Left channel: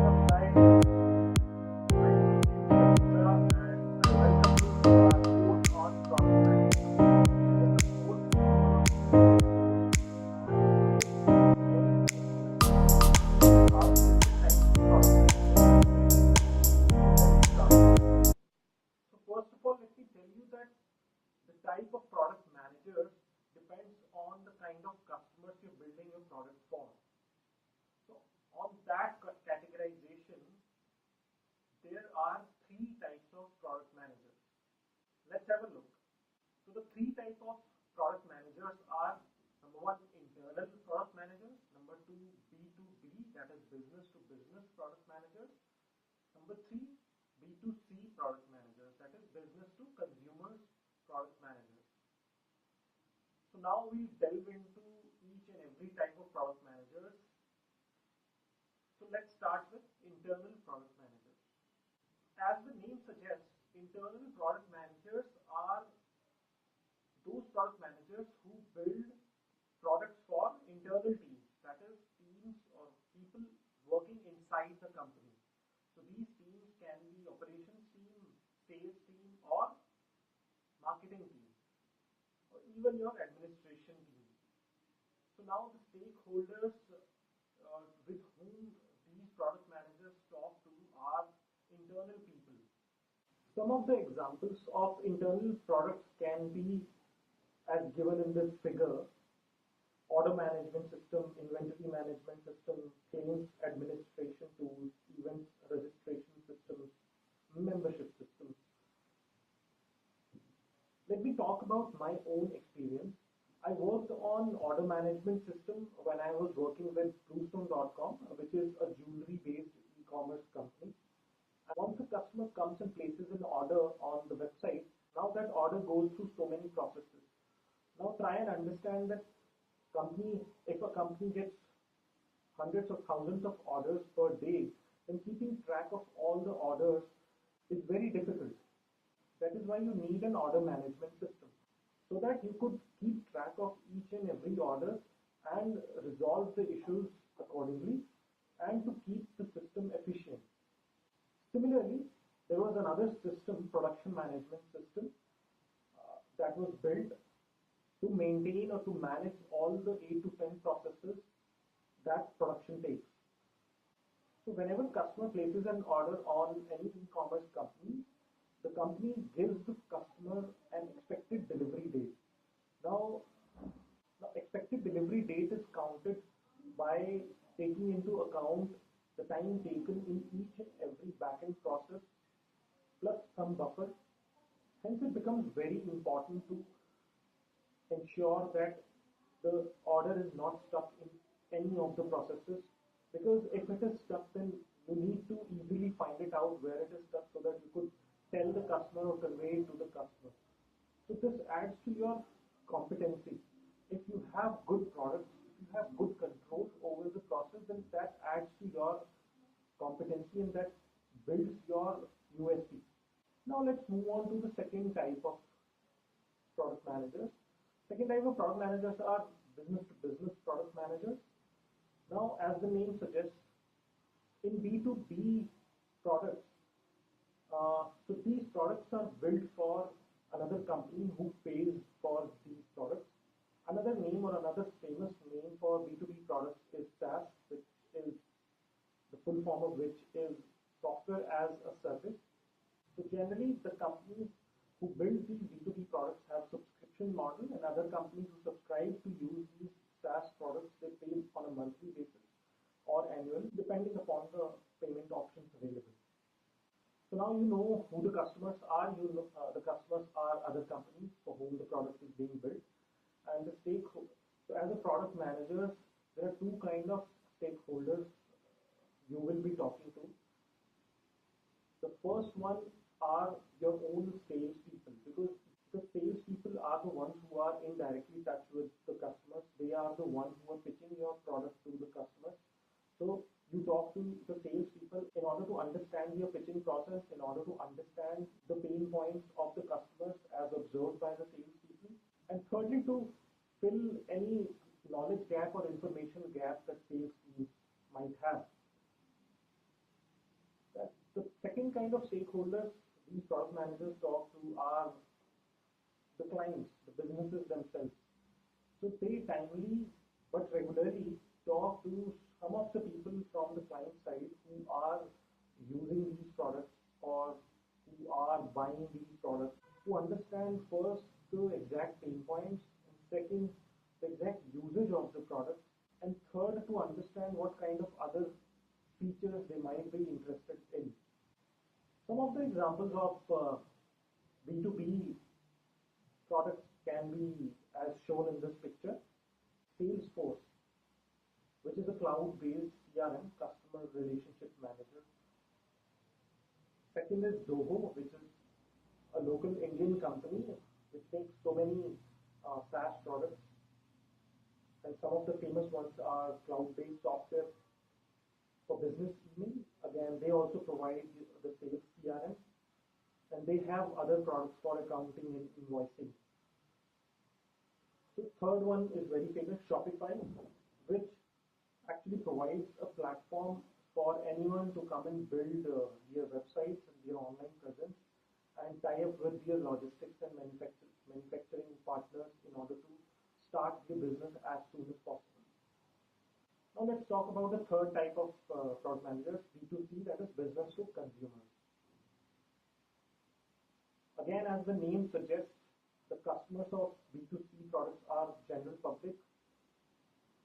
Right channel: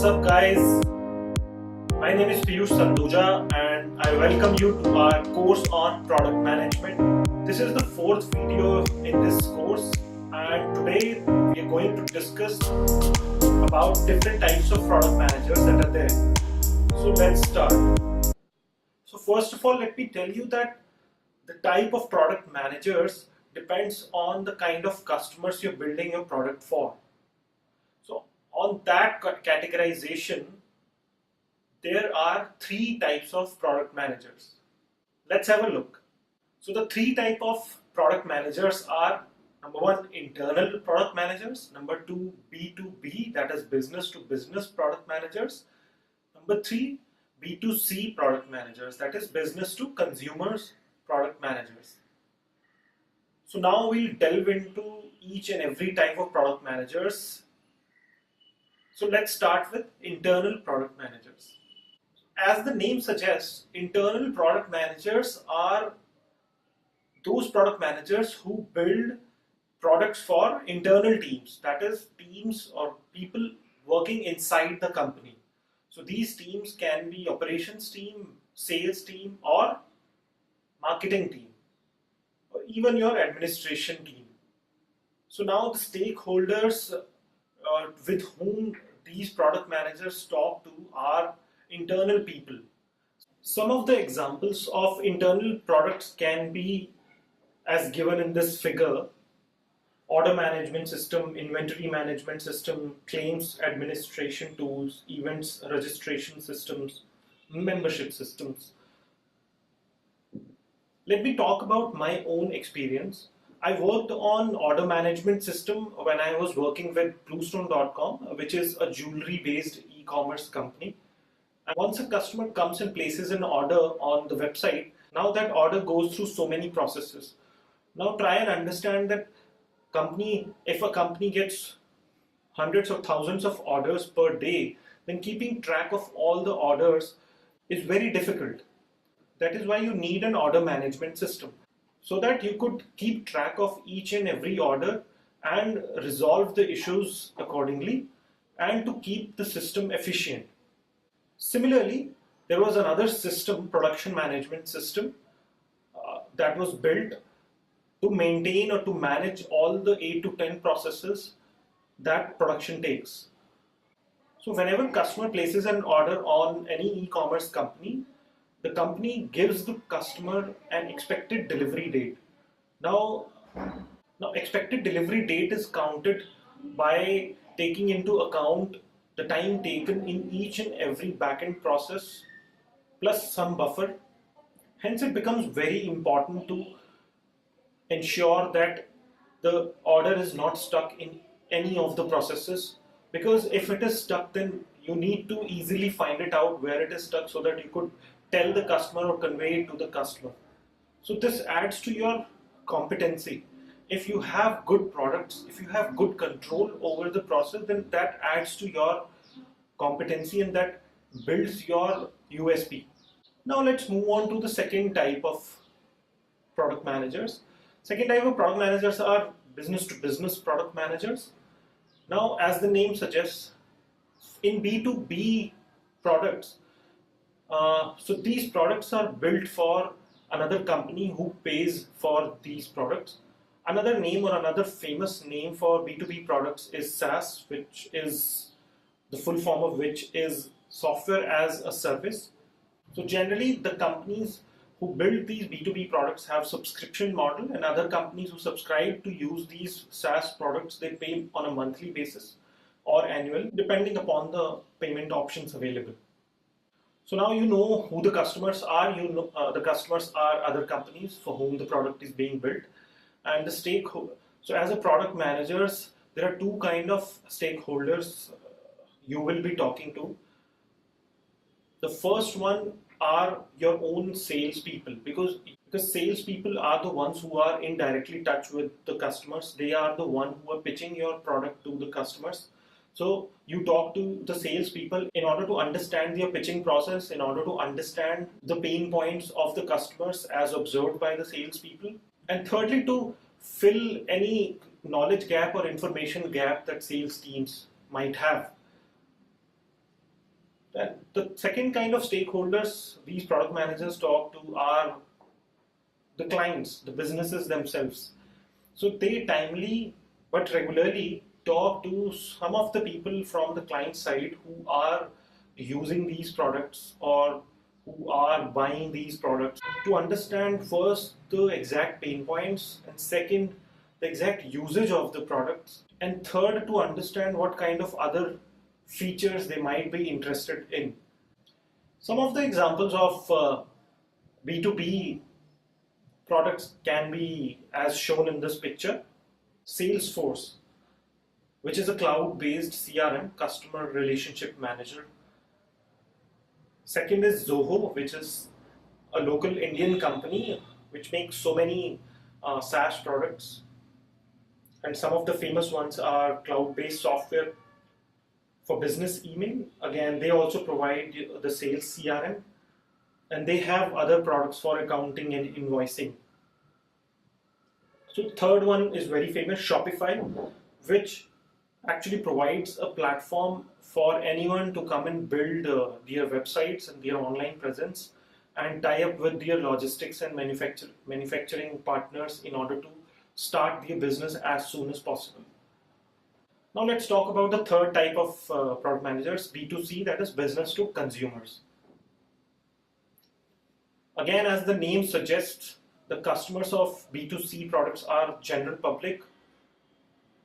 What's up guys? My name is Piyush Sanduja and I welcome you to our course on product management. This is the fourth video in this course and today we are going to discuss about different types of product managers that are there. So let's start. So first of all, let me tell you that the type of product managers depends on the kind of customers you're building your product for. So on that categorization, there are three types of product managers. Let's have a look. So the three type of product managers are: number one, internal product managers; number two, B2B, that is business to business product managers; number three, B2C product managers, that is business to consumers product managers. So now we'll delve into each and every type of product managers. So let's start with internal product managers. As the name suggests, internal product managers are those product managers who build products for internal teams, that is teams or people working inside the company. So these teams can be operations team, sales team, or marketing team, or even your administration team. So now the stakeholders with whom these product managers talk to are internal people. Some of the examples of internal products can be as given in this figure: order management system, inventory management system, claims administration tools, events registration systems, membership systems. Let me talk about my own experience. I worked on order management system when I was working with Bluestone.com, which is a jewelry based e-commerce company. And once a customer comes and places an order on the website, now that order goes through so many processes. Now try and understand that if a company gets hundreds of thousands of orders per day, then keeping track of all the orders is very difficult. That is why you need an order management system, so that you could keep track of each and every order and resolve the issues accordingly and to keep the system efficient. Similarly, there was another system, production management system, that was built to maintain or to manage all the 8 to 10 processes that production takes. So whenever customer places an order on any e-commerce company, the company gives the customer an expected delivery date. Now expected delivery date is counted by taking into account the time taken in each and every backend process plus some buffer. Hence it becomes very important to ensure that the order is not stuck in any of the processes, because if it is stuck, then you need to easily find it out where it is stuck so that you could tell the customer or convey it to the customer. So this adds to your competency. If you have good products, if you have good control over the process, then that adds to your competency and that builds your USP. Now let's move on to the second type of product managers. Second type of product managers are business to business product managers. Now, as the name suggests, in B2B products, so these products are built for another company who pays for these products. Another name or another famous name for B2B products is SaaS, which is the full form of which is software as a service. So generally the companies who build these B2B products have subscription model, and other companies who subscribe to use these SaaS products, they pay on a monthly basis or annual, depending upon the payment options available. So now you know who the customers are. You know the customers are other companies for whom the product is being built, and the stakeholder. So as a product managers, there are two kind of stakeholders you will be talking to. The first one are your own salespeople, because salespeople are the ones who are in directly touch with the customers. They are the one who are pitching your product to the customers. So you talk to the salespeople in order to understand their pitching process, in order to understand the pain points of the customers as observed by the salespeople, and thirdly, to fill any knowledge gap or information gap that sales teams might have. Then the second kind of stakeholders these product managers talk to are the clients, the businesses themselves. So they timely but regularly talk to some of the people from the client side who are using these products or who are buying these products to understand first the exact pain points, and second the exact usage of the products, and third to understand what kind of other features they might be interested in. Some of the examples of B2B products can be as shown in this picture. Salesforce, which is a cloud-based CRM, customer relationship manager. Second is Zoho, which is a local Indian company which makes so many SaaS products. And some of the famous ones are cloud-based software for business email. Again, they also provide the sales CRM, and they have other products for accounting and invoicing. So third one is very famous, Shopify, which actually provides a platform for anyone to come and build their websites and their online presence and tie up with their logistics and manufacturing partners in order to start their business as soon as possible. Now let's talk about the third type of product managers, B2C, that is business to consumers. Again, as the name suggests, the customers of B2C products are general public,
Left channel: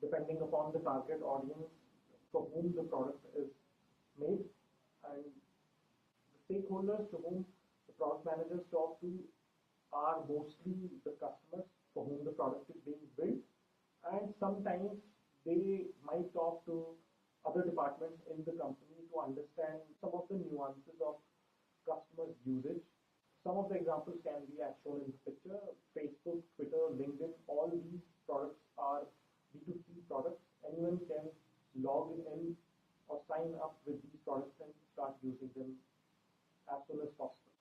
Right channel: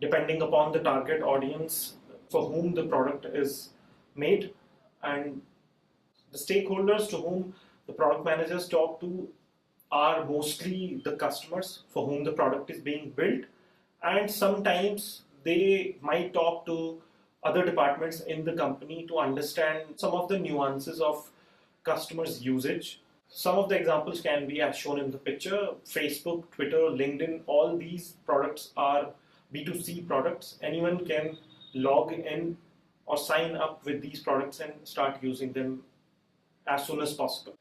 depending upon the target audience for whom the product is made, and the stakeholders to whom the product managers talk to are mostly the customers for whom the product is being built, and sometimes they might talk to other departments in the company to understand some of the nuances of customers' usage. Some of the examples can be as shown in the picture. Facebook, Twitter, LinkedIn, all these products are B2C products. Anyone can log in or sign up with these products and start using them as soon as possible.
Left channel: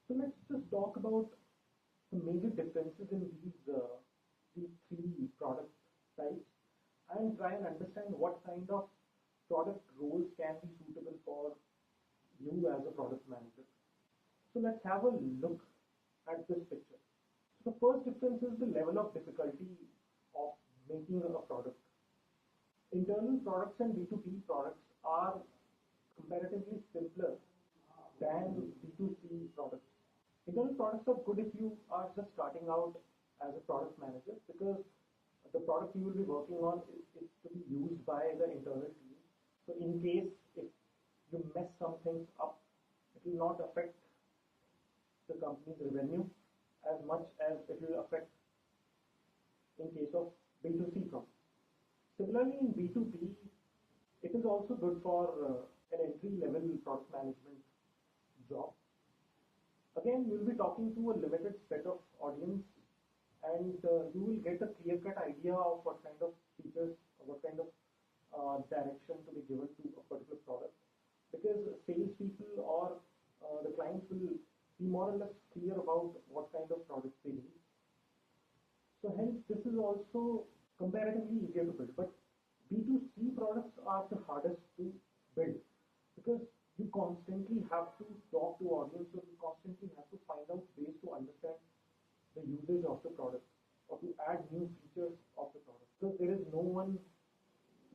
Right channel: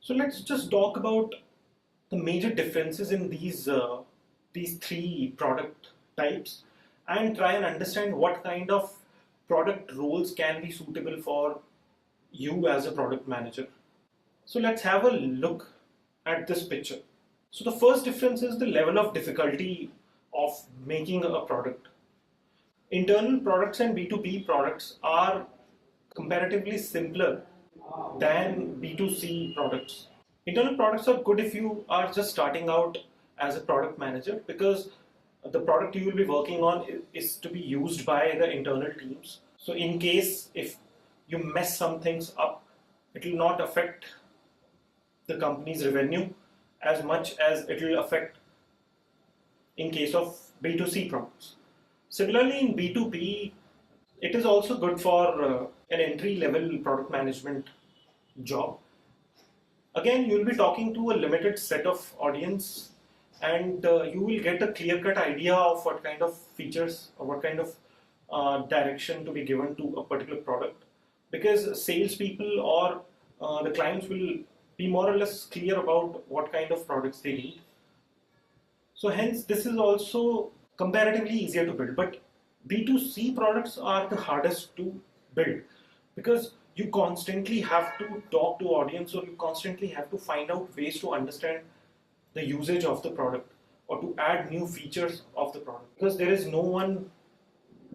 So let's just talk about the major differences in these three product types and try and understand what kind of product roles can be suitable for you as a product manager. So let's have a look at this picture. So the first difference is the level of difficulty of making a product. Internal products and B2B products are comparatively simpler than B2C products. Internal products are good if you are just starting out as a product manager, because the product you will be working on is to be used by the internal teams. So in case if you mess some things up, it will not affect the company's revenue as much as it will affect in case of B2C products. Similarly, in B2B, it is also good for an entry-level product management job. Again, you will be talking to a limited set of audience, and you will get a clear-cut idea of what kind of features or what kind of direction to be given to a particular product, because salespeople or the clients will be more or less clear about what kind of products they need. So hence, this is also comparatively easier to build. But B2C products are the hardest to build, because you constantly have to talk to audience, or you constantly have to find out ways to understand the usage of the product or to add new features of the product, because there is no one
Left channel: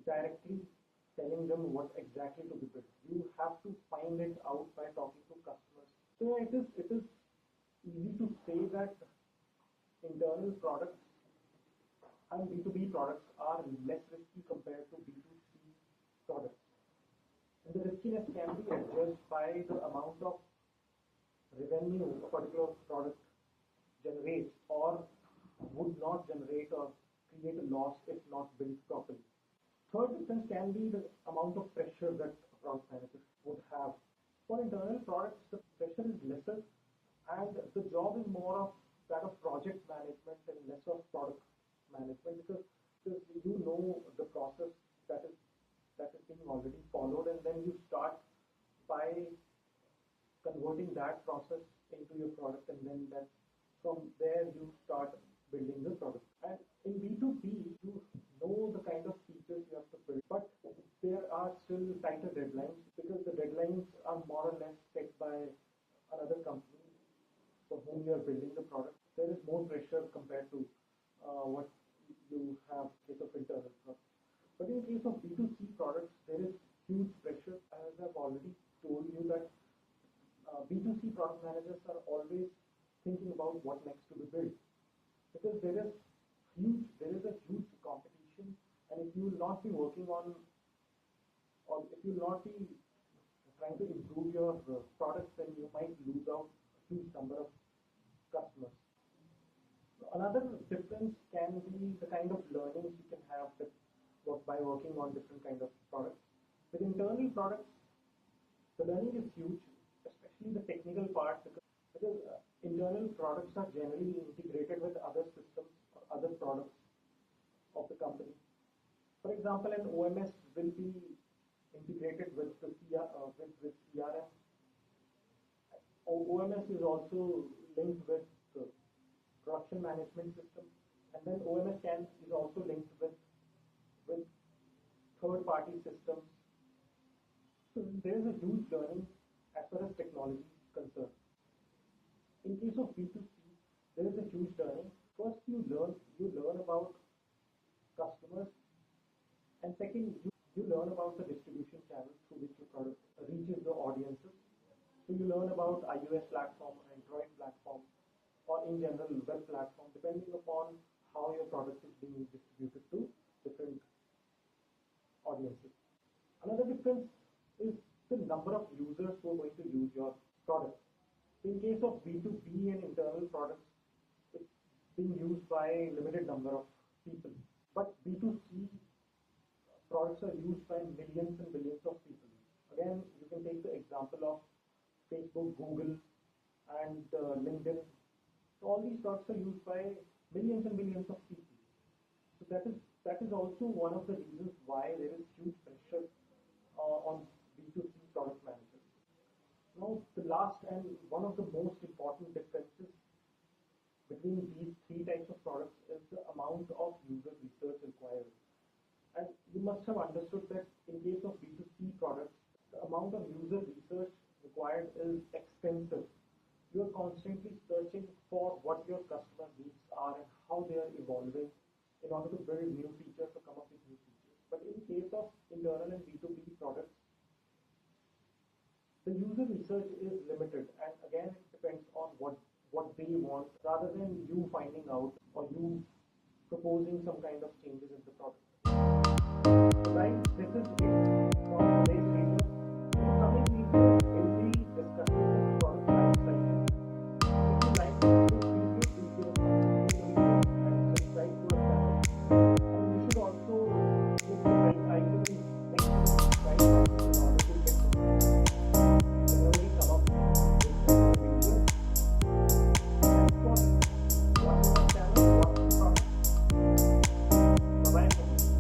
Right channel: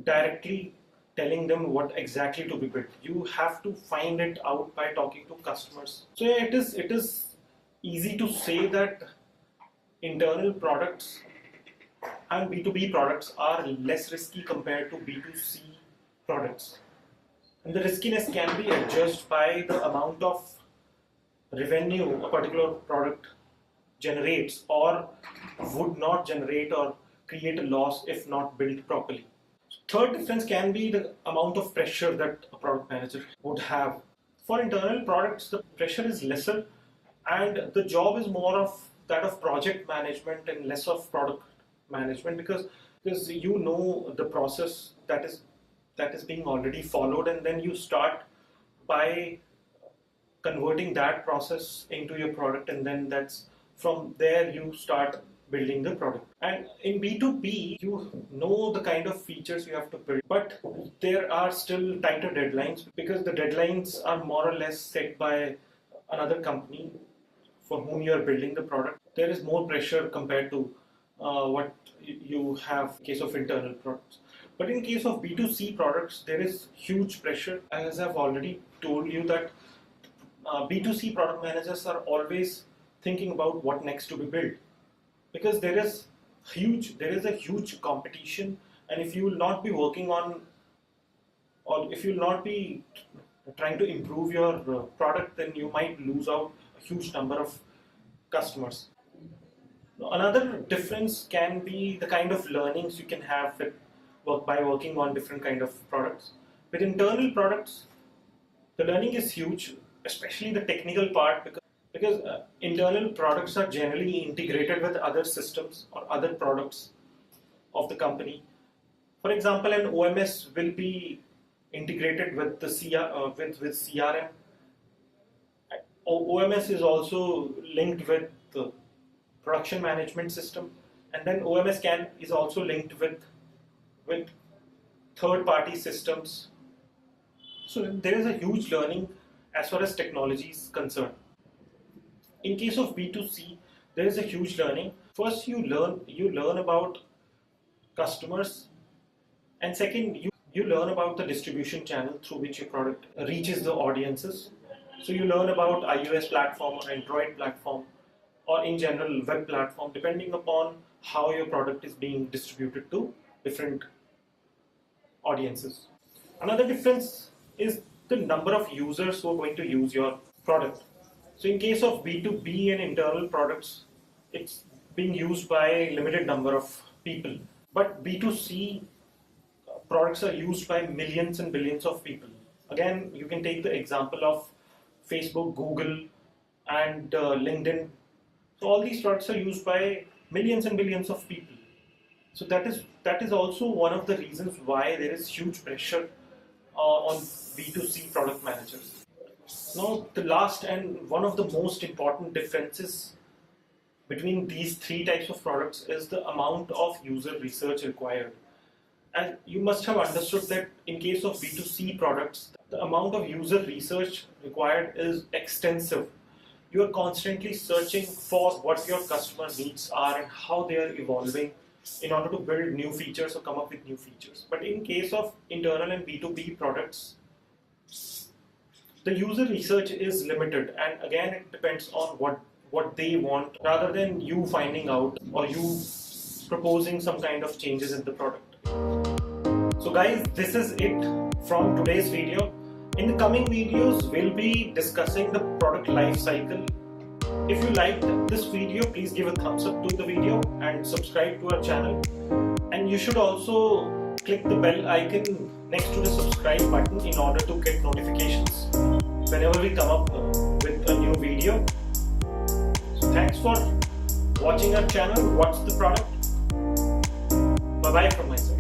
directly telling them what exactly to be built. You have to find it out by talking to customers. So yeah, it is easy to say that internal products and B2B products are less risky compared to B2C products. And the riskiness can be adjusted by the amount of revenue a particular product generates or would not generate or create a loss if not built properly. Third difference can be the amount of pressure that a product manager would have. For internal products, the pressure is lesser and the job is more of that of project management and less of product management, because you know the process that is being already followed, and then you start by converting that process into your product, and then that's from there you start building the product. And in B2B, you know the kind of features you have to build, but there are still tighter deadlines because the deadlines are more or less set by another company for whom you are building the product. There is more pressure compared to what you have in case of internal products. But in case of B2C products, there is huge pressure. As I've already told you that B2C product managers are always thinking about what next to be built, because there is a huge competition, and if you will not be working on, or if you will not be trying to improve your product, then you might lose out a huge number of customers. Another difference can be the kind of learnings you can have by working on different kind of products. With internal products, the learning is huge, especially the technical part, because internal products are generally integrated with other systems or other products of the company. For example, an OMS will be integrated with the with CRM. OMS is also linked with the production management system, and then OMS is also linked with third-party systems. So there is a huge learning as far as technology is concerned. In case of B2C, there is a huge learning. First, you learn about customers, and second, you learn about the distribution channel through which your product reaches the audiences. So you learn about iOS platform or Android platform, or in general web platform, depending upon how your product is being distributed to different audiences. Another difference is the number of users who are going to use your product. So in case of B2B and internal products, it's being used by a limited number of people. But B2C products are used by millions and billions of people. Again, you can take the example of Facebook, Google, and LinkedIn. So all these products are used by millions and billions of people. So that is also one of the reasons why there is huge pressure on B2C product managers. Now, the last and one of the most important differences between these three types of products is the amount of user research required. And you must have understood that in case of B2C products, the amount of user research required is extensive. You are constantly searching for what your customer needs are and how they are evolving in order to build new features or come up with new features. But in case of internal and B2B products, the user research is limited, and again it depends on what they want rather than you finding out or you proposing some kind of changes in the product. So guys, this is it from today's video. In the coming videos, we'll be discussing the product life cycle. If you liked this video, please give a thumbs up to the video and subscribe to our channel. And you should also click the bell icon next to the subscribe button in order to get notifications whenever we come up with a new video. So thanks for watching our channel. What's the product? Bye bye from my side.